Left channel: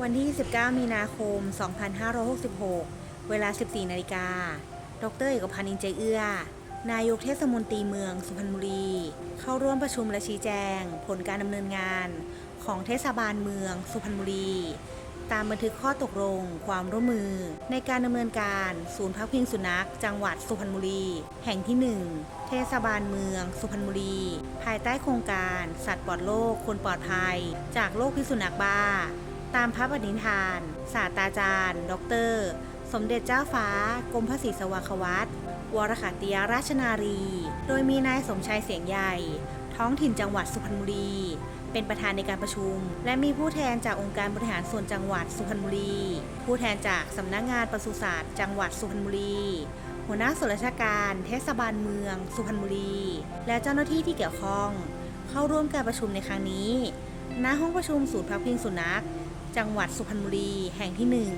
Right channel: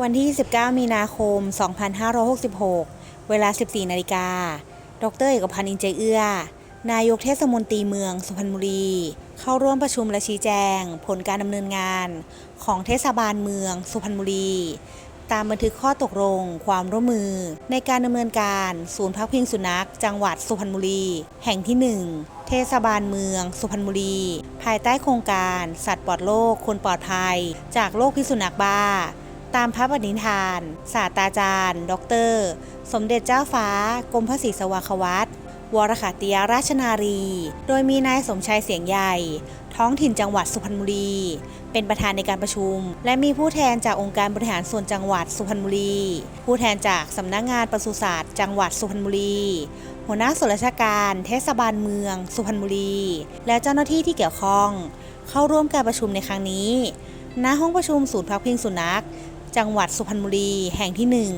วันที่ 19 มีนาคม 2566 เวลา 14 นาฬิกา ดรเอกพันธ์อินใจเอื้อ นายกเทศมนตรีเมืองสุพรรณบุรี เข้าร่วมประชุมและชี้แจง ผลการดำเนินงานของเทศบาลเมืองสุพรรณบุรี ตามบันทึกข้อตกลงความร่วมมือ ในการดำเนินการศูนย์พักพิงสุนัข จังหวัดสุพรรณบุรี แห่งที่ 1 เทศบาลเมือง สุพรรณบุรี ภายใต้โครงการ สัตว์ปลอดโรคคนปลอดภัย จากโรคพิษสุนัขบ้า ตามพระปณิธาน ศาสตราจารย์ ดร สมเด็จเจ้าฟ้า กรมพระศรีสวาควัตวรขติยราชนารี โดยมีนายสมชายเสียงใหญ่ ท้องถิ่นจังหวัดสุพรรณบุรี เป็นประธานในการประชุม และมีผู้แทนจากองค์การบริหารส่วนจังหวัดสุพรรณบุรี ผู้แทนจากสำนักงานปศุสัตว์จังหวัดสุพรรณบุรี หัวหน้าส่วนราชการ เทศบาลเมือง สุพรรณบุรี และเจ้าหน้าที่ที่เกี่ยวข้อง เข้าร่วมการประชุมในครั้งนี้ ณ ห้องประชุมศูนย์พักพิงสุนัข จังหวัดสุพรรณบุรีแห่งที่หนึ่ง